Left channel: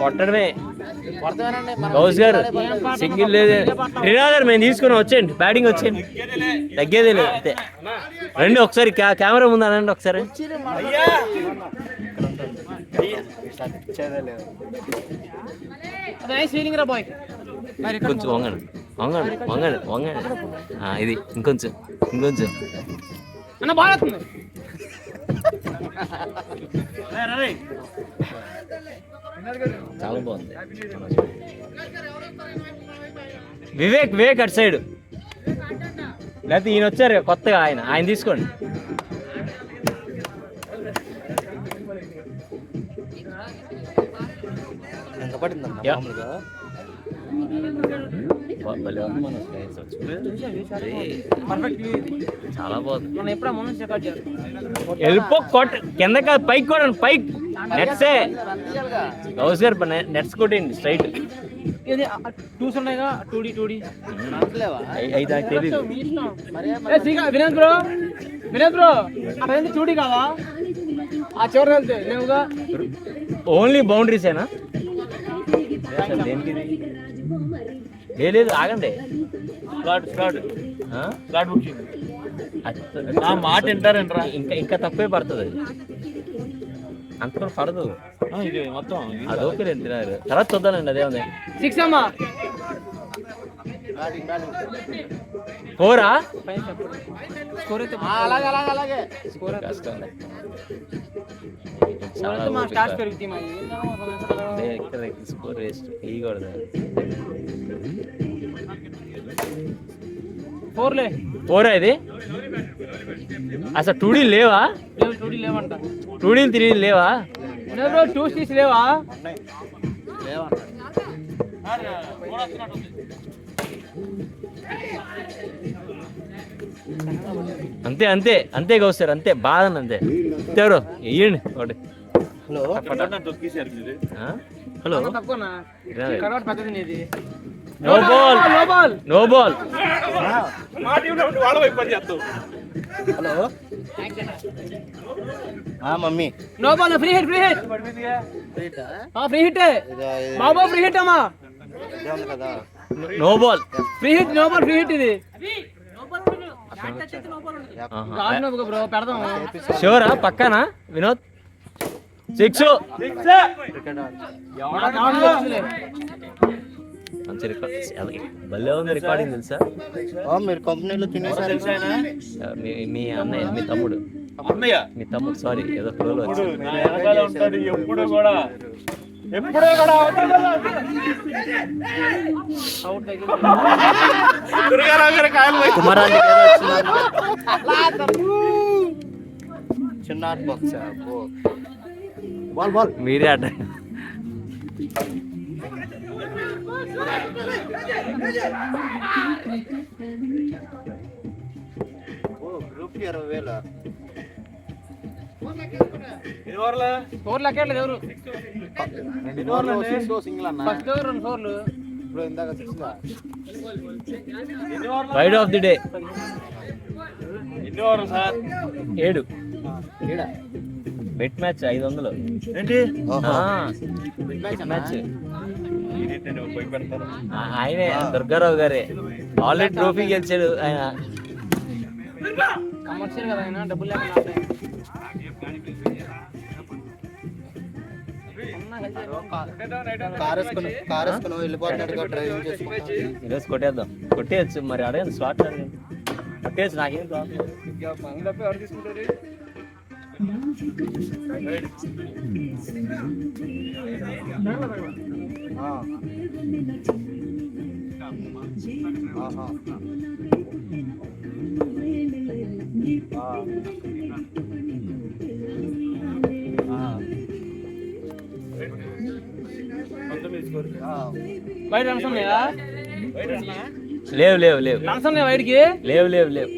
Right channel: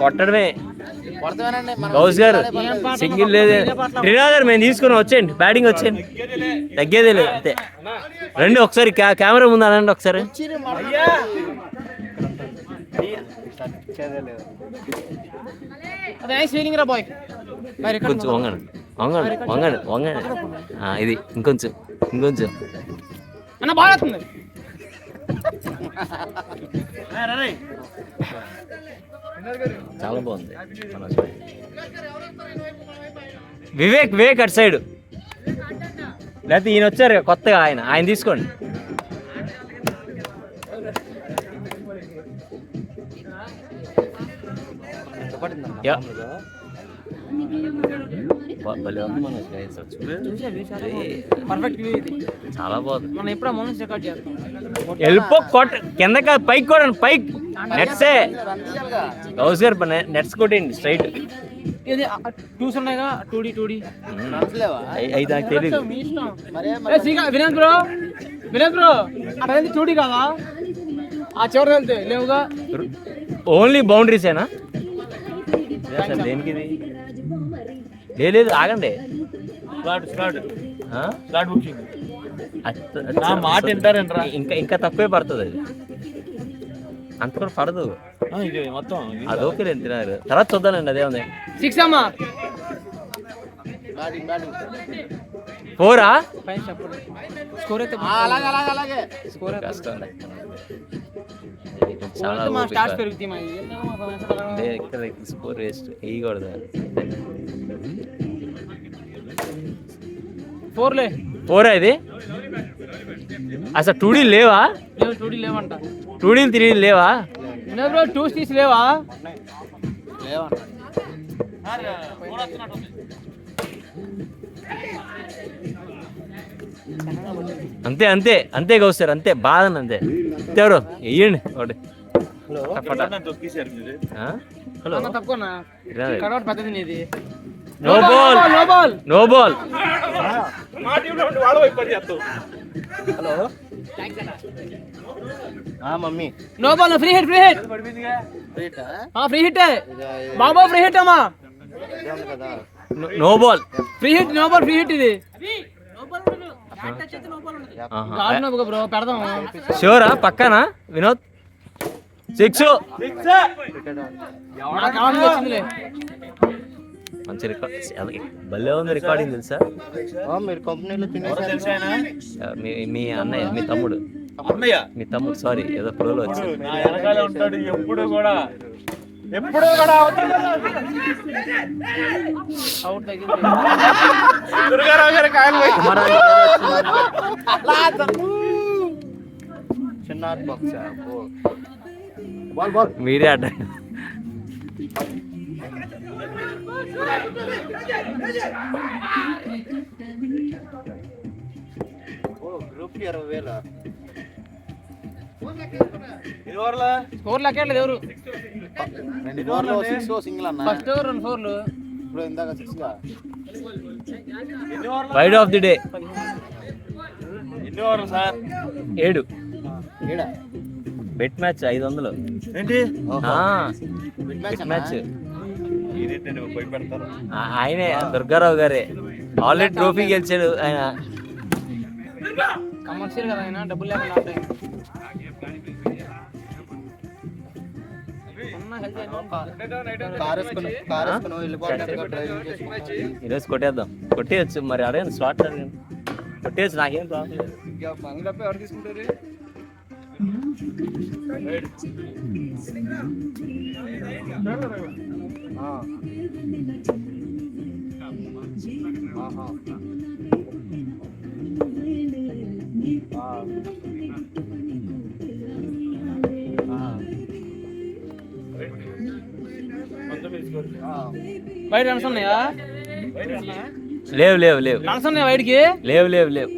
కొట్టడమే గౌస్ గారు, సింగిల్ లేదు. రినా గారు మేము తీసుకుని వచ్చేయండి, బ్యాటింగ్ వచ్చేయండి, తగ్గేదే లేదు అంతే. రండి ఒకసారి కెమెరా ముందు అనండి ఒకసారి. కొంచెం వంగండి వంగండి వంగండి వంగండి. ఇది ఇంకొంచెం ఇంకొంచెం. చాలా బాగుంది. వివేక్ వివేక్ అటు సైడ్, లేకపోతే ఈయన వచ్చారు కొత్తగా, ఆయన తీసుకోండి. చాలా బాగుంది. వెళ్ళిపో కిందకి పైకి కూడా పైకి నెట్సే. గౌస్ గారు నెట్స్ కొట్టండి స్ట్రైట్. అయితే నాకు తెలీదు. Vinod bro, Vinod bro two D కదా, ఆ చివరి వెళ్తే లేవుగా. ఓన్లీ బౌండరీసేనా? దేనికి లేదు, ఆగండి. మాట వింటారంటారా? ఇంకా తక్కువే పడుతుంది అది, అంత కూడా పడదు మొత్తం. అది ఓకే తినారు, తర్వాత చూద్దానండి. అదే ఉంది. 4 కష్టం. చాలా ఇక్కడ స్కోర్ వేస్ట్ వేయకూడదు. 4 ఇది అసలు 2D లేవా? 2D 3D లేవా? 2 లేవా? అంతే అంతే అంతే గౌసారు, అంతే బాధ అంతే. ఎవరు వేయండి ఒకటి. Hello, no ball no ball. Hello mummy, no ball. Free hit, free hit, free hit బాబా, ఫ్రీ హిట్ అమ్మా. No ball, free hit, no ball, free hit. ఇది షూరా? పక్కనా వినోద్? 6. మంచి రికార్డ్, భలే ఉంది రికార్డింగ్. తెలుసా మీరు కంపెనీలో మీ అన్నయ్య, మీ తమ్ముడు, మీ తమ్ముడు సారీ ఏదో ప్రోలో వచ్చి ఉంటాడు ఎప్పుడు కూడా. చిన్న బాక్స్ మీరే అడ్డ. గ్రూప్ 20,000. 4 లెక్కలేదు ఎవరు. 2 ఓవర్లు 6 సింగిల్ అన్న. ఫస్ట్ ఓవర్ 2 4లు. ఇప్పుడు ఇందాక 6 ride of the day. 7 bet match 500. ఏంటి బెట్ మ్యాచ్ ఆయనే, దుర్గారావు గారే. ఆల్రెడీ ట్రోఫీ గెలిచాడు ఆయన. కమర్షియల్ కదా ఆయన, డబ్బులు లేకుండా. ఈరోజు కొట్టేద్దాం, కొట్టేయచ్చు. మరి అడగండి, స్లాట్ అడగండి, కొట్టేయచ్చు. నాకేం కావాలి. వైడ్ రన్స్ ఉన్నాయా? లేవు లేవు లేవు రన్స్ ఉన్నాయి వైడ్కి. లేవు లేవు లేవు.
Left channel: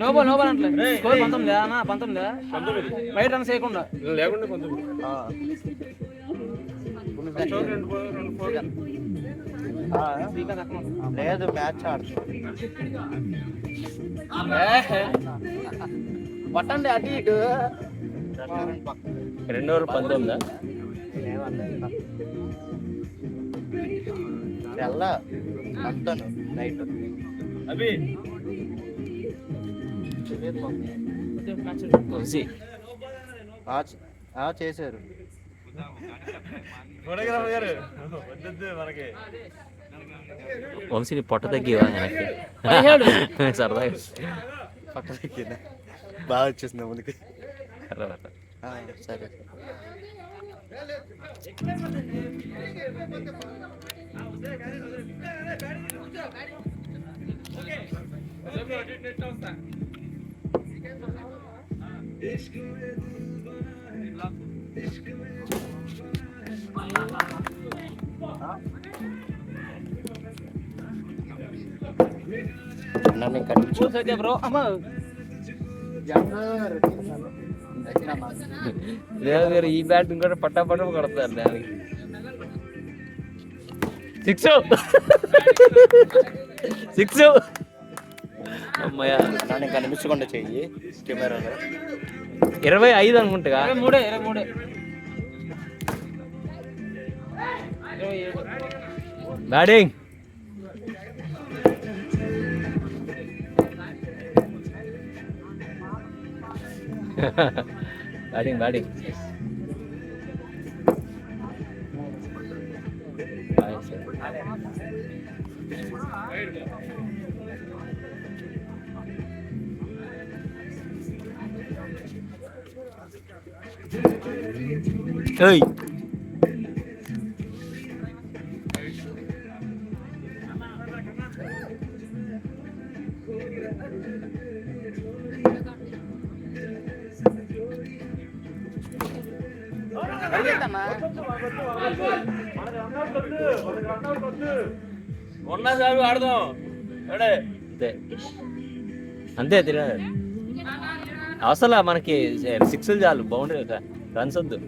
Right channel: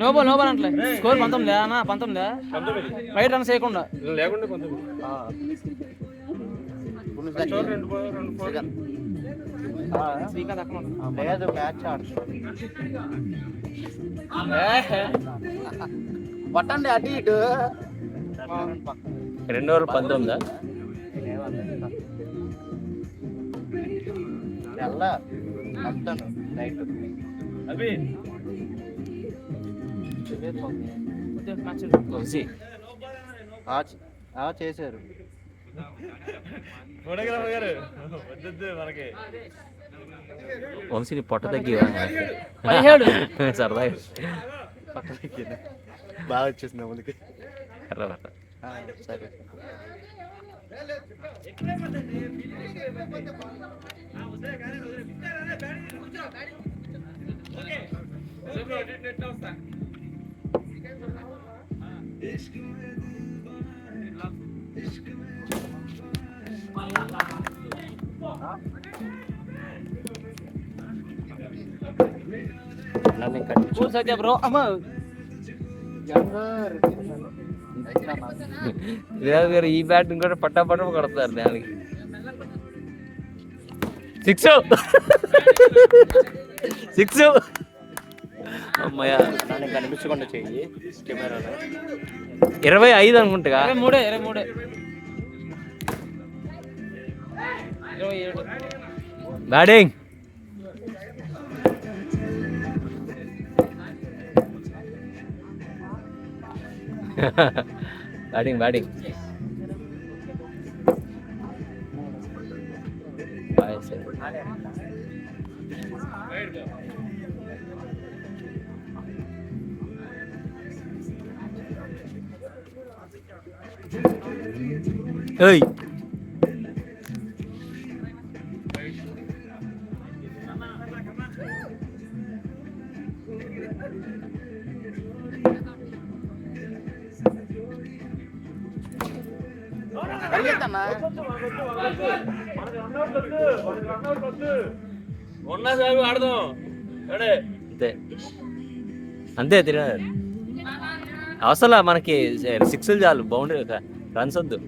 లోపల లోపల అంటే స్కోర్ 19 బయట రన్ చేయకుండా లేకుండా 19 లేదు మ్యాచ్ ఆడుతుంది పట్టండి అటు ఇటు 2 ఓవర్లు 19. తెల్ల మొత్తం నైట్ అవి వంశీ చేశారు ఫోటోగ్రాఫర్ గారు వద్దొద్దు మనకి. వంశీ నీ పొట్ట తగ్గివా సరదాగా బాగా వచ్చేసింది ముందుకి. సరే బ్రో అమ్మా గారు ఈ బ్యాటింగ్ కూడా పట్టా కొడతారు దానికి. 6 అమ్మయ్య నన్ను కనిపించకుండా చెయ్యి కెమెరాలో. 25 అనుకుంటా. 23 బ్యాటింగ్ బ్యాటింగ్ ఏయ్ ఉన్నా సాగు ఆడదాం. అంతే అంతే తిరిగా అసలు మనకి 6 చాలు, బౌండరీ రన్స్ వద్దు.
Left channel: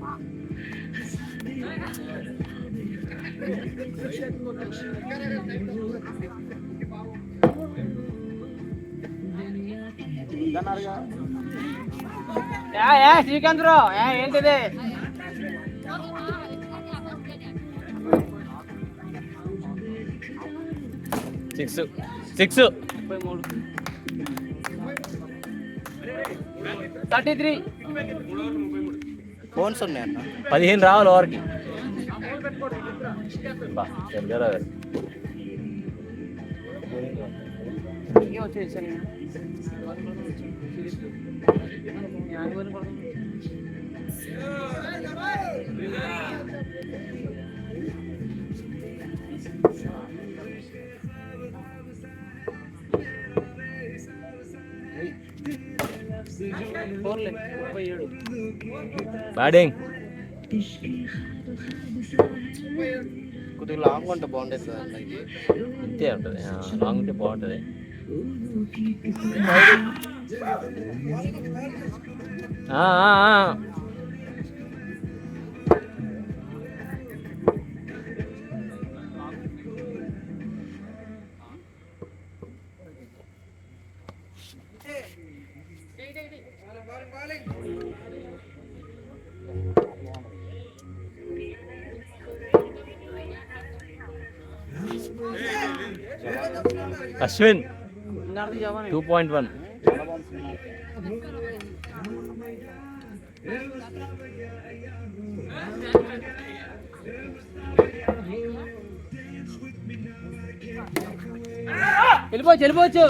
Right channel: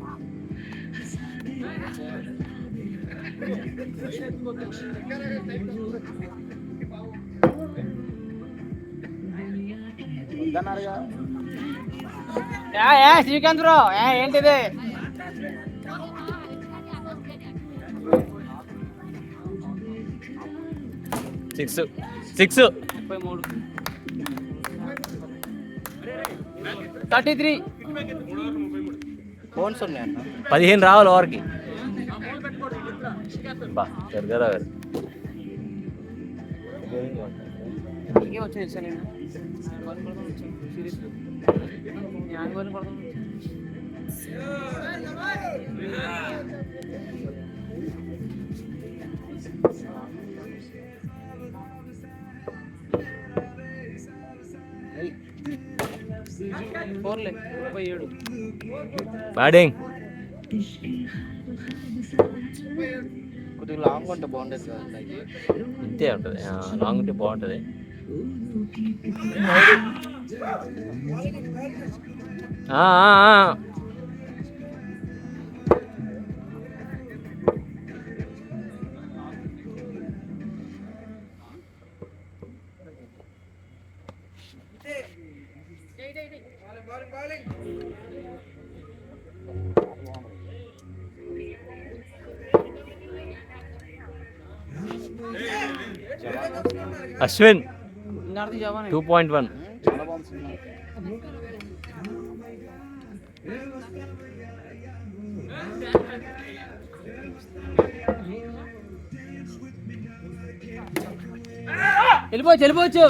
శ్రీకాంత్ రావు ఏంటిది? సిక్స్ 33 ఫోన్స్ ఉన్నాయన్న. 15 రావాలి ఓవర్కి. సరిగా వచ్చేసాను. బ్యాటింగ్ కొద్దిగా లాంగ్ ఉంటే బాగుండేది సార్. ఇంతే ఉంటుంది, లాంగ్ ఉంటే బాగుంటుంది. అశ్విన్ 2.1. వెళ్ళిపోవచ్చు.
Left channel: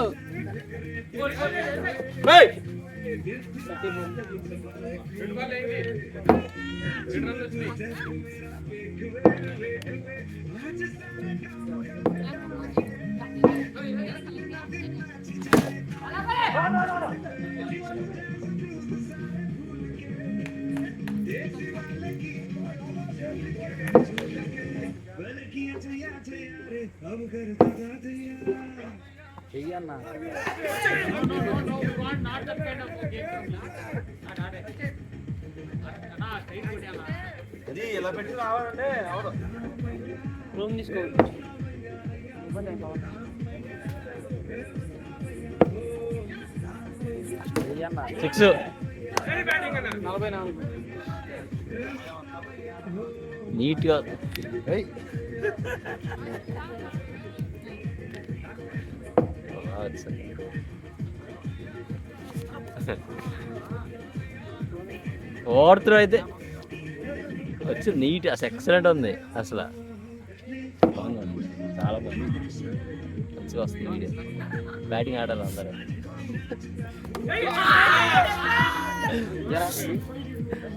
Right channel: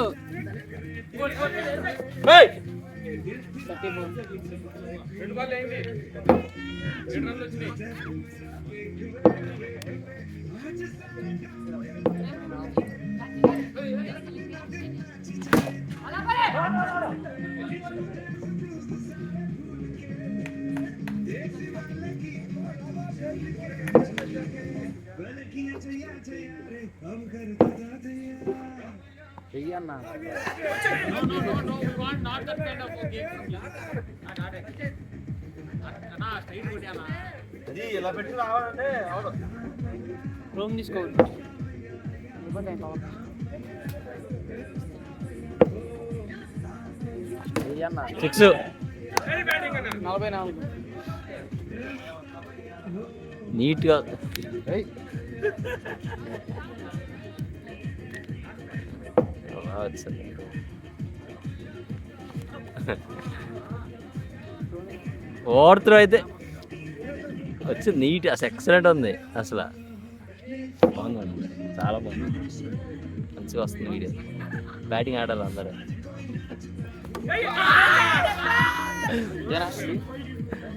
అది ఇలా పెట్టి రావాలంటే అవదు. రూమ్ తీసుకోవాలి. 6 44 నీట్గా ఓవర్ త్రో అయితే వచ్చి నీట్ అసలు ఎక్సలెంట్ ఉంది అసలు బాగుంది చాలా బాగుంది మంచిగా వస్తుంది వీడియో బ్యాటింగ్ ఆడాలి అందరూ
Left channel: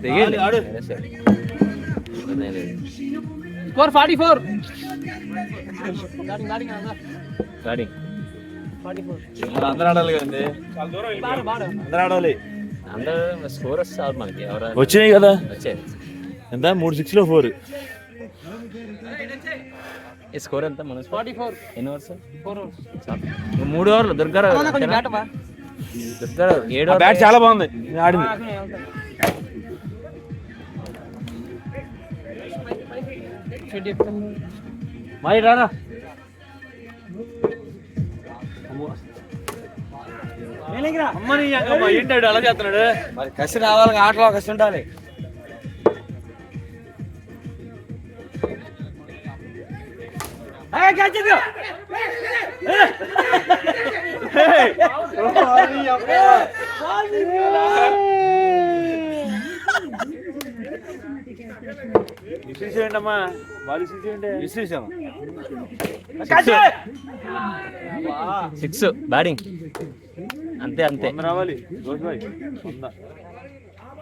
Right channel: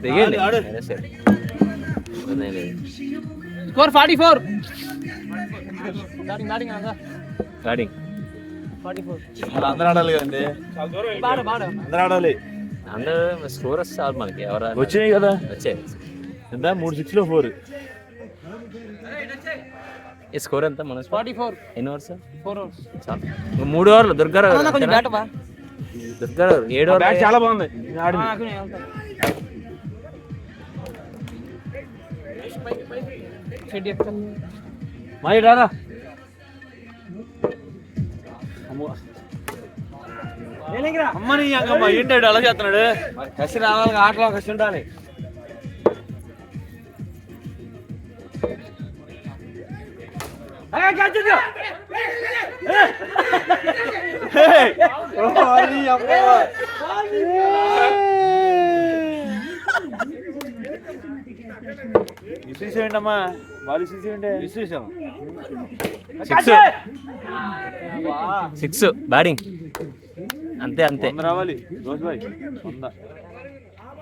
దిగండి స్కోర్ 44 బ్యాటింగ్ 44 అందరూ ఆడాలి కదండి, చాలా దూరం అందరూ ఆడాలి. అందరూ స్కోర్ వస్తే చాలు మనకి ఎవరు వచ్చినాయి కదా, వచ్చాయి ఎంత 3 6 లో 4. ఈ స్కోర్ ఎంత మన 44 ఎన్ని ఓవర్స్ 4 ఓవర్స్. 3 ఓవర్లు దుర్గారావు కొంచెం బ్యాట్ బా. దుర్గారావు 7 ఓవర్లు బ్యాట్ చాలా బాగుంది ఆడింది. షెడ్ చెప్తాను. మాయి రారా అమ్మని ఏంటాడు అలా చేస్తున్నాడు. మరి కసి రావాలి, ఆటలో కసి ఉండాలి. విసిరేసేయండమ్మా, బాగా విసిరేసేయండి. విసిరేసాము 6 బ్యాటింగ్ అంతే అంతే రావాలి.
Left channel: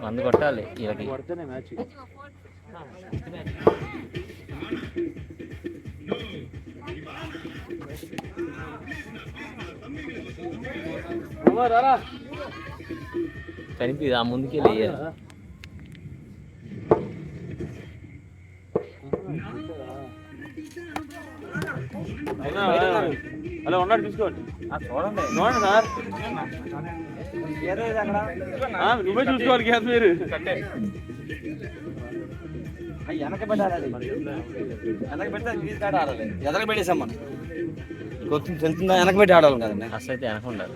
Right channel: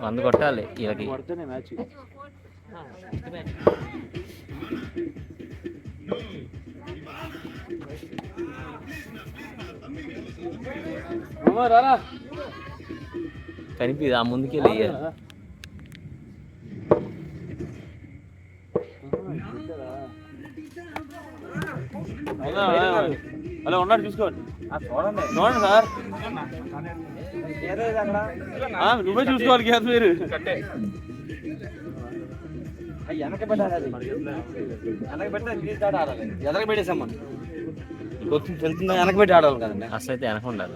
100 కొట్టాలి వీళ్ళకి. కొడితేనే మ్యాచ్. కనిపి ఆ ముందుకి వెళ్ళి అలా ఉన్నాడు చూసుకోండి. చూడండి సార్, నువ్వే చూసుకోవాలి కదా మీరు. ఎదలకు పెట్టేసాం మనం, కొంచెం తెలుస్తుందా? వెనక పెట్టి ఆడాలి కదండి. అసలు అయితే వెనక ఉండాలి.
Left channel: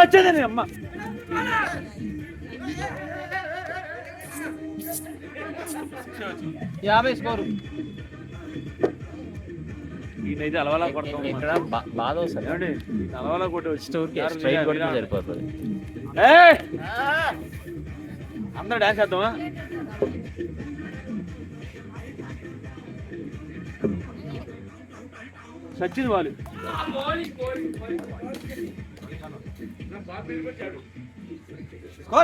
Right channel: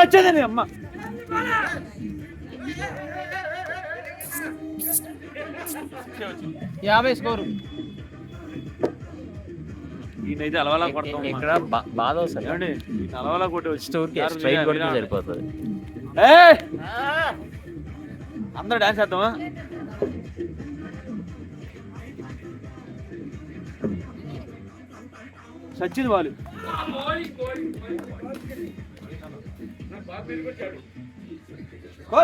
వచ్చేదండి అమ్మ. యాభై స్కోరు. ఈయనైతే అలవాలా కొడతాం. ఇక్కడ బాధ వస్తుంది ఏమండి, అలవాలా కొట్టే స్టోర్కి స్ట్రైక్ కొడితే సరిపోతుంది. అందరూ డాన్స్ చేద్దామా? సచిన్ వాళ్ళు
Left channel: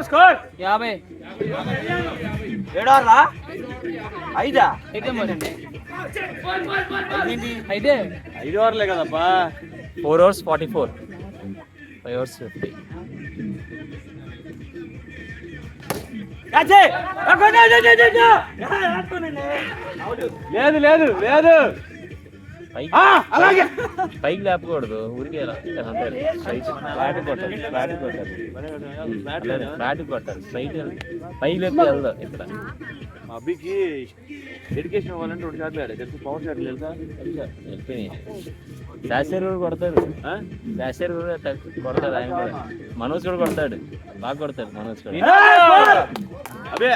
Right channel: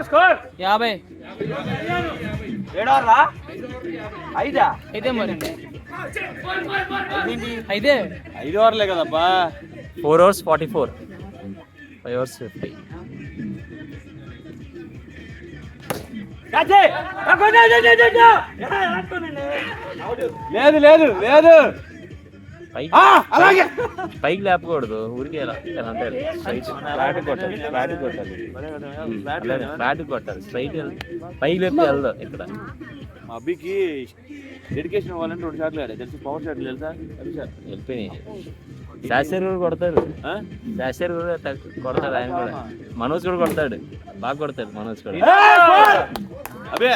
స్కోర్ 50. 7 ఓవర్లా 5 అయితే మరి అయితే 5 ఓవర్లే కదబ్బా. 4 overs 44, 5 overs 50. లేదు లేదు లేదు, అలాగే పైకి లేపకూడదు, ఊరికి ఫ్లాట్ కొట్టాలి, ఫ్లాట్ కొట్టాలి, ఫ్లాట్ కొట్టాలి, స్ట్రైట్ పైకి లేపి వెళ్దాం. ఇక్కడ అభికి డెడికేషన్ ఇవ్వాలంటే 2 షాట్లు ఆడే తెలుసు. పవర్ షాట్లు తెలుసా? వెళ్ళిపోయినాయి. శాస్త్రి కూడా కొడతాడు, శాస్త్రి కూడా కొడతాడు, ఆయన కూడా. మనోజ్ కూడా కొడతాడు, బాగా కొడతాడు మనోజ్ కూడా. అదే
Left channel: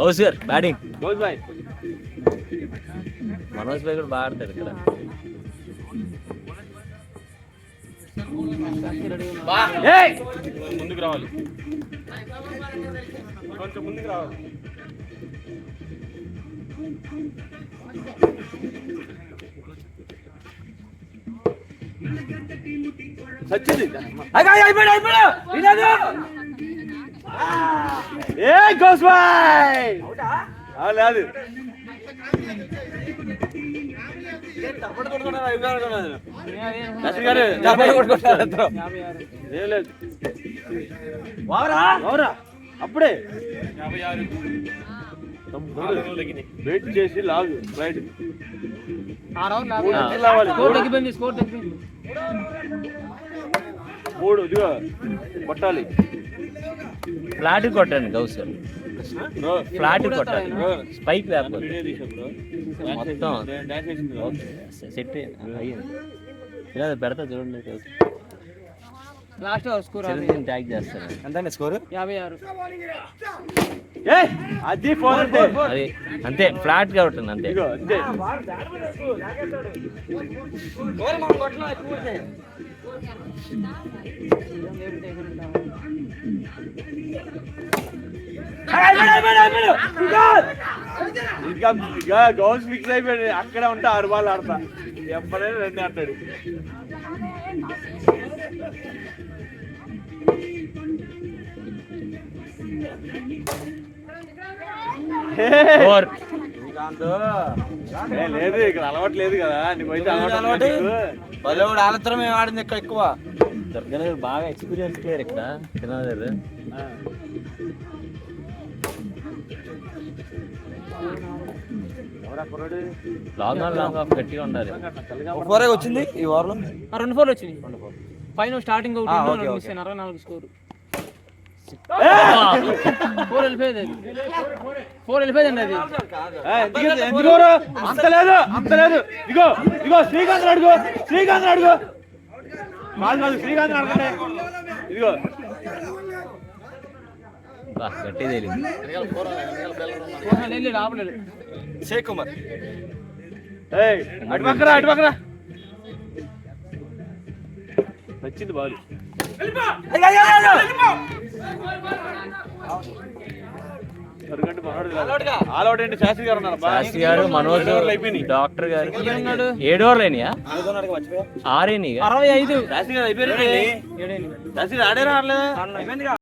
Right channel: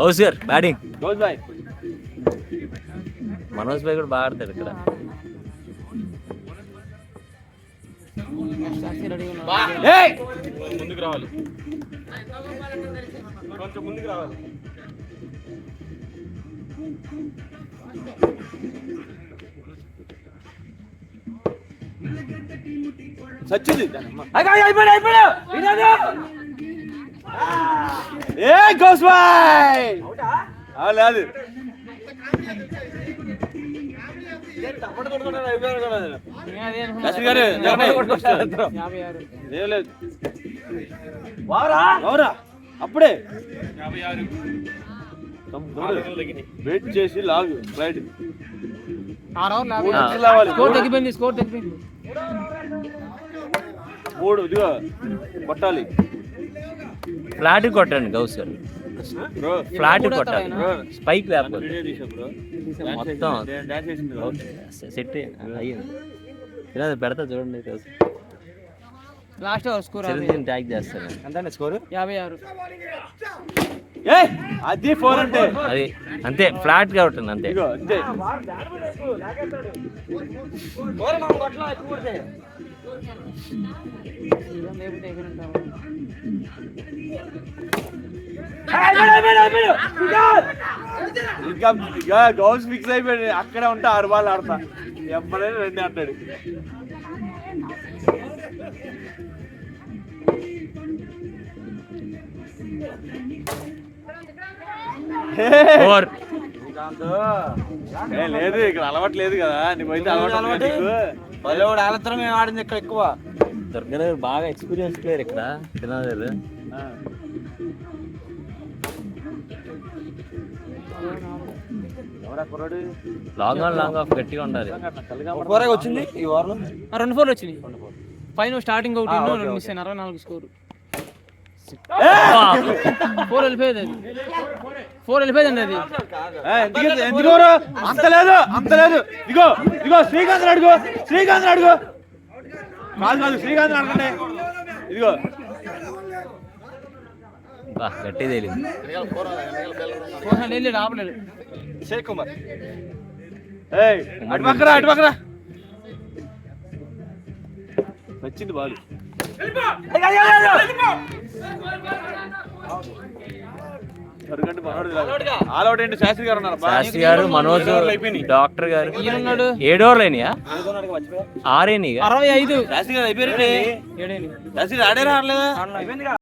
గౌస్ గారు బ్యాటింగ్. గోల్ బాయ్ మనోజ్ భాయ్ కూడా బాగా ఆడతాడు ఇక్కడ. ముందుకు రావాలి, కొంచెం ముందుకు రావాలి. సచ్చింది ఏ గోస్ బాయ్ లేదు. అప్పుడే 56 వెయిట్ చేసి లాగు రైట్ 6 ఓవర్లు స్కోర్ తగ్గిపోయింది మూడు ఇదిగో కొట్టాలి ఫ్లాట్ కొట్టండి గౌస్ గారు, ఫ్లాట్ కొట్టాలి, స్పైక్ లేకపోతే మొత్తం సెట్ అయ్యింది. ఇలా పెడతా చూడండి గౌస్, లాస్ట్ స్కోర్ చిరంజీవిని ట్యాగ్ చేస్తాను. ఎంత స్కోర్? 56. అది 4 అంటే అది అంతే, ఫ్లాట్ గా ఉంటుంది అంతే. ఇదిగో అంతే ఇంకా గౌస్ ఫిక్స్ అయిపోయాడు. అక్కడ ఉంటే 6 బాల్ ఆడతా, ఎప్పుడైనా 2 ఆడతాడు. ఫోర్. లేదు ఇక్కడ అలవాటు లేదు కదా, నువ్వైతే అలవాటు బలవాడు ఆలత్రం మేము ఆడింది ఇక్కడ ఎక్కువ. దుర్గా దగ్గర బాగా ఎక్స్పీరియన్స్ ప్లేయర్ ఇక్కడ తినగారు. లాంగ్ ఆఫ్ గట్టిగా ఉండాలి. ఫోరే వచ్చింది ఈ వారం. 2 4 వచ్చినాయి. పైన స్టార్టింగ్ ఒకటి మిస్ అయినారా 4 స్కోర్. 4 వెళ్ళిపోయేది అది. 4 వెళ్ళిపోయింది అది. ఎందుకోరు అంత లేదు అంత లేదు. ఇదిగో ఇదిగో శ్రీకాంత్ అడుగు, శ్రీకాంత్ అడుగు, కాదు కాదు శ్రీకాంత్ అడగండి. ఇదిగో గట్టి తెలియదు. వెళ్ళి ఆపలేదు. షేక్ కుమార్ అటు పక్కరా అటు పక్కరా వచ్చింది బాలు. ఆల్అౌట్ ఏంటి? శాస్త్రి గారు ఉన్నారు. శాస్త్రి గారు, మనోజ్, డాక్టర్ గారు. 7 ఓవర్లు అయినాయా? 6 అయినాయి. 65. శాస్త్రి గారు అయిపోయారు. శాస్త్రి ఆడారా?